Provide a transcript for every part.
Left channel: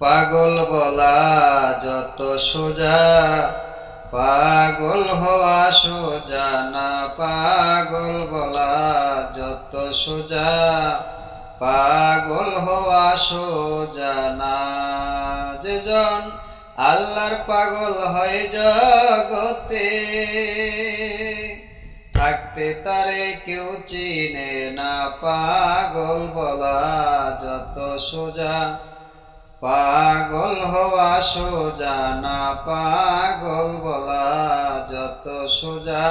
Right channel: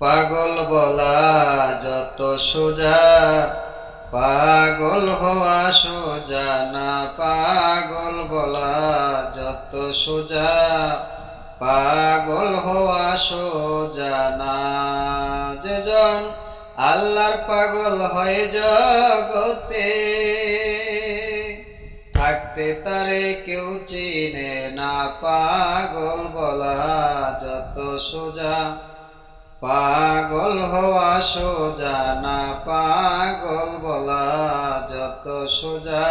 পাগল বলা যত সোজা, পাগল হওয়া সোজা না পাগল বলা যত সোজা, পাগল হওয়া সোজা না। যেজন আল্লাহর পাগল হয় জগতে, থাকতে তারে কেউ চিনে না পাগল বলা যত সোজা। পাগল হওয়া সোজা, না পাগল বলা যত সোজা।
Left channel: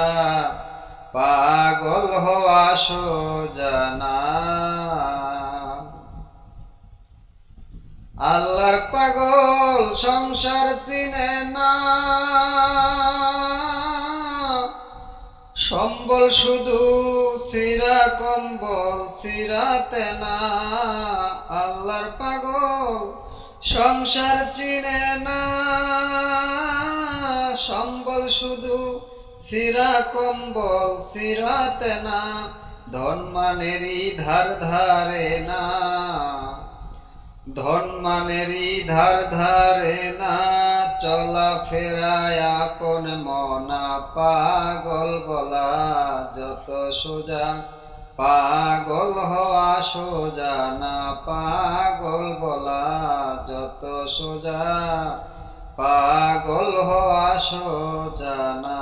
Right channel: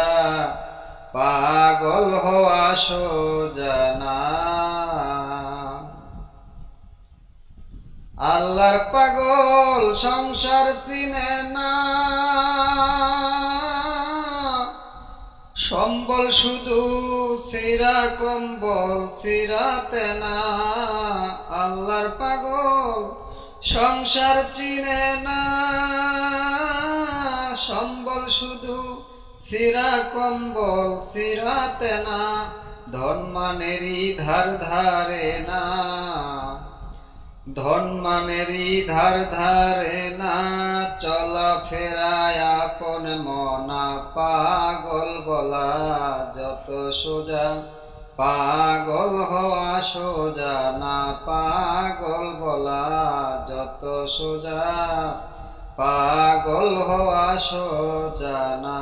পাগল হওয়া সোজা না। আল্লাহর পাগল সংসার চিনে না। সম্বল শুধু সিরা, কম্বল সিরাতে না। সংসার চিনে না, সম্বল শুধু সিরা কম্বল সিরাতে না ধনমানেরই ধার ধারে না। ধনমানেরই ধার ধারে না, চলা ফেরায় আপন মনা পাগল বলা, যত সোজা পাগল হওয়া সোজা না পাগল বলা। যত সোজা পাগল হওয়া সোজা না।